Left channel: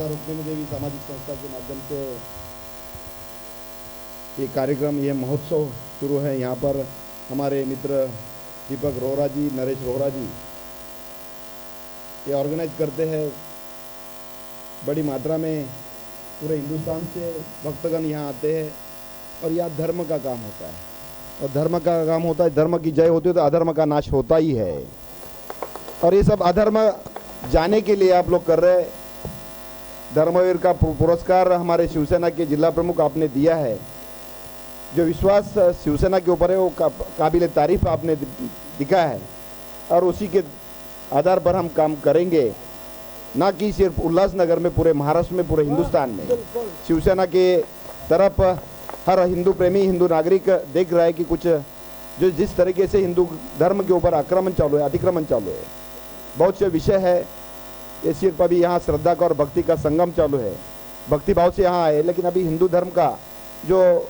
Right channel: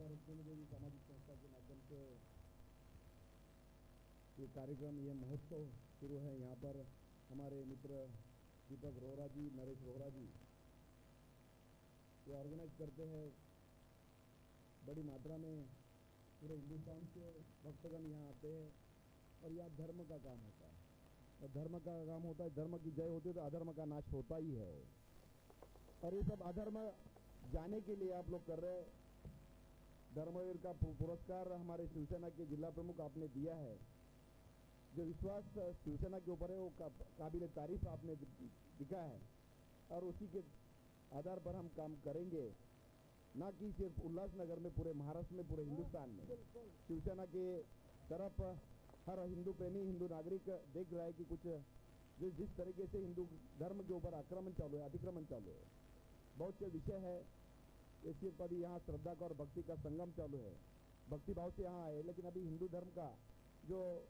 रुक्मिणी देवी सामाजिक संस्था के माध्यम से ये कार्यक्रम, ये महोत्सव शुरू है। यहाँ पर हमारे मित्र दीपक रोहरा जी, नरेश रोहरा जी ये ऑर्गेनाइज करते हैं। बड़ी मात्रा में पूरे हिंदुस्तान से भक्तगण यहाँ आते हैं और यहाँ धर्म का काम होता है। और धर्म का काम होता है, धर्म की जय होती है तो अधर्म का नाश होता ही है। और ये सब अधर्म जाने के लिए आप लोग कर रहे हैं। धर्मवीर का पुरस्कार हमारे शिवसेना के जिला प्रमुख आपने दिया है। जो विश्वास शिवसेना के ऊपर है वो काबिल तारीफ आपने दिखा है और उसी के आधार पर हम काम करेंगे, ना कि सिर्फ उल्लासनगर में, पूरे महाराष्ट्र में, पूरे हिंदुस्तान में। शिवसेना के तरफ हर हिंदू प्रेमी, हिंदू नागरिक देख रहा है कि कुछ जो जिस तरीके से हिंदू धर्म के ऊपर आक्रमण चालू है, अतिक्रमण चालू है, बहुत से विषय है। ये सिर्फ अभी यहाँ श्रद्धा का और भक्ति का संगम चालू है, भक्ति भाव से यहाँ आए, लेकिन अभी हिंदू धर्म का जो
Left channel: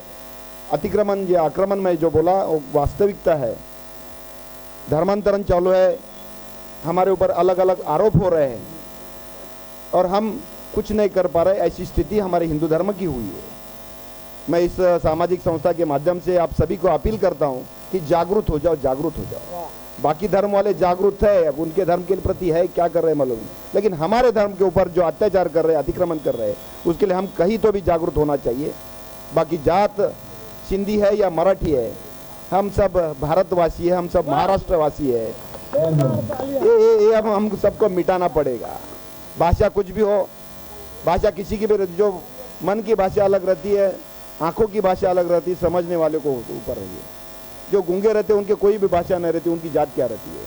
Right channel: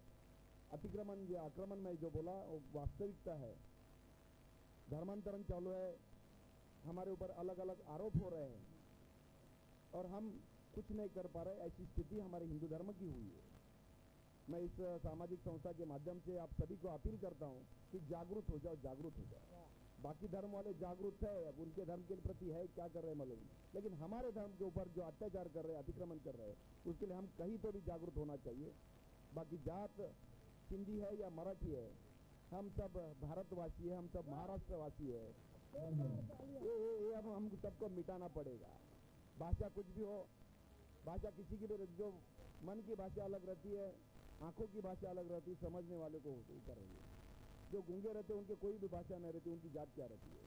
अतिक्रमण या आक्रमण में जो बोला वो वास्तविकता है। धर्मांतरण चालू है, हमारे ऊपर अलग अलग आरोप हो रहे हैं और हम कुछ नहीं कर पा रहे। ऐसी स्थिति हमारे हिंदू धर्म की हुई है। मैं इस सामाजिक संस्था के माध्यम से आप सभी को अपील करता हूँ कि जागरूक हो जाओ, जागरूक हो जाओ। बाकी धर्म वाले जागरूक है, उनके धर्म के प्रति है क्या कर रहे हैं मालूम, लेकिन हमारे धर्म के ऊपर जो अत्याचार कर रहे हैं, अतिक्रमण कर रहे हैं, उसके लिए हम कहीं तो भी जागरूक होना चाहिए। बाकी जात सिंधी है या मराठी है, हम सब भारतवासी है, हम सब महाराष्ट्रवासी है। ये हम सबको मिटाना पड़ेगा। भाषा कुछ भी हो, भाषा किसी की भी, जो मन की भाषा अलग रहती है, आंखों की भाषा अलग रहती है, समझने वाले को ऊपर रही है। जो गूंगे रहते हैं उनके कोई भी भाषा नहीं रहती, उनकी जात क्या रहती है।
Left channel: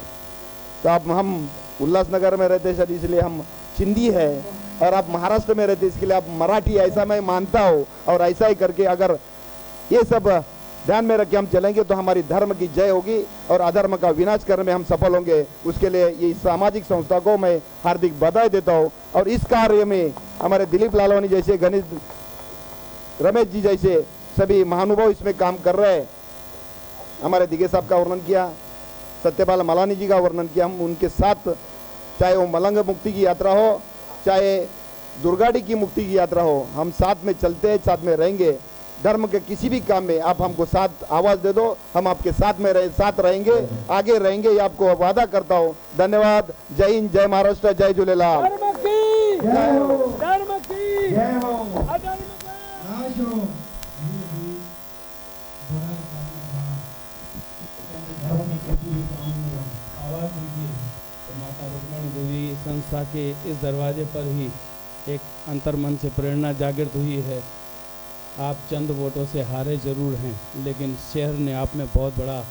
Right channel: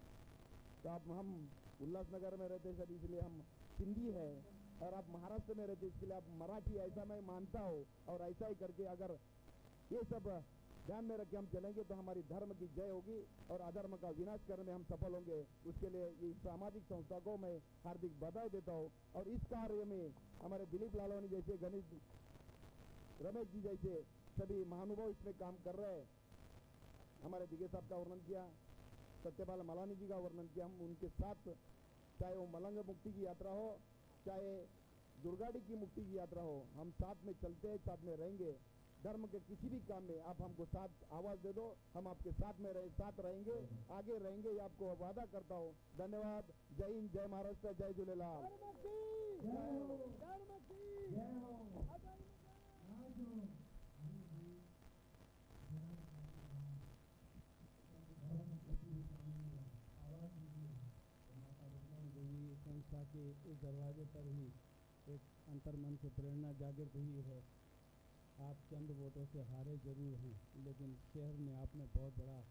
तो आप, हम उल्लासनगर में रहते हैं इसलिए हम सिंधी है, और आप महाराष्ट्र में रहते इसके लिए आप मराठी, ऐसा मैं मानता हूँ। और ऐसा ही करके अगर ये सब ध्यान में रख के हम चलेंगे तो हमारी धर्म की जय होगी और अधर्म का विनाश करने में हम सफल होंगे। उसके लिए ये सामाजिक संस्था को मैं हार्दिक बधाई देता हूँ। और इस कार्य में हमारे दिलीप लालवानी जैसे, गणेश रमेश जी जैसे सभी महानुभाव इसमें काम कर रहे हैं। हमारे दिगे साहब का वर्णन किया, सत्यपाल मलानी जी का वर्णन किया। हम उनके साथ, चाहे वो मलंग मुक्ति की यात्रा हो, चाहे दुर्गाड़ी की मुक्ति की यात्रा हो, हम साथ में चलते हैं, साथ में रहेंगे। धर्म के किसी भी काम में आप हमको साथ आवाज़ दे दो, हम आपके साथ में साथ रहेंगे, आगे रहेंगे, ये आपको वादा करता हूँ। धन्यवाद। जय हिंद, जय महाराष्ट्र, जय झूलेलाल। धर्म की जय हो, धर्म की जय हो, अधर्म का नाश हो। आवाज दीजिए। तो माता रुक्मिणी देवी संस्था के इस दरवाजे पर ही एक अंतर्मन से प्रेरणा जागृत हुई है। आप चंद वोटों से हारे जरूर हैं, लेकिन शहर ने आप में बहुत बड़ा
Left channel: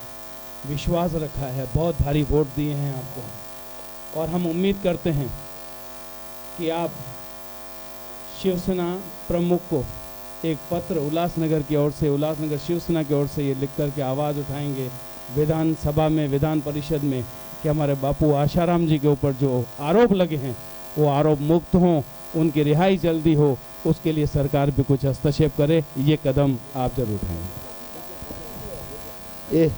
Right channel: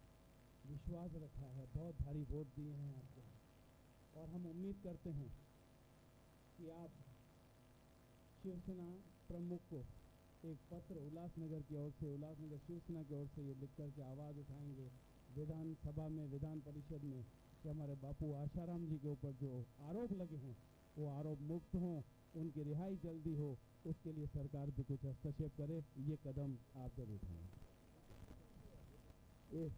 विश्वास रखा है, बहुत भारी वोट दिए हैं आपको। और हम उम्मीद करते हैं कि आप शिवसेना प्रमुख को एक पत्र उल्लासनगर की ओर से, उल्लासनगर शिवसेना की ओर से ये लिख कर के आवाज़ उठाएंगे विधानसभा में, विधान परिषद में, कि हमारे बापू आशाराम जी के ऊपर जो आरोप लगे हैं वो आरोप मुक्त हों, उनकी रिहाई जल्दी हो। उसके लिए सरकार भी कुछ हस्तक्षेप करे। ये कदम आप जरूर उठाएं। ये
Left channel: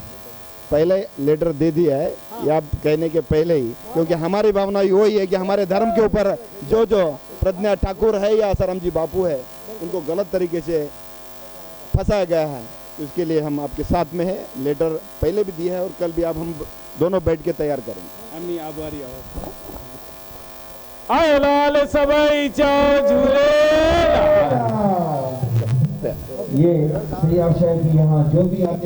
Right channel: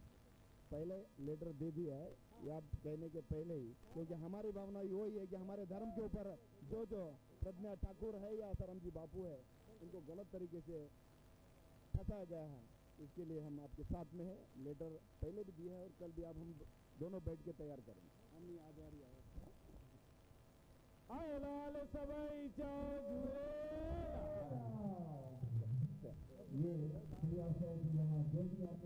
पहले लेटर दे दिया है, ये आप कहने के पहले ही, क्योंकि हमारी भावना वही है कि हमारे धर्म के ऊपर जो प्रज्ञा ठाकुर है या आसाराम जी बापू है, उनको गलत तरीके से फंसाया गया है। उसके लिए हम आपके साथ में है। लेटर पहले भी दिया है और कल भी आप, हम दोनों बैठ के तैयार करेंगे। अम्मी आभारी आए लाल सबाई चाओ झूले। ये श्री आशय की यहाँ जो भी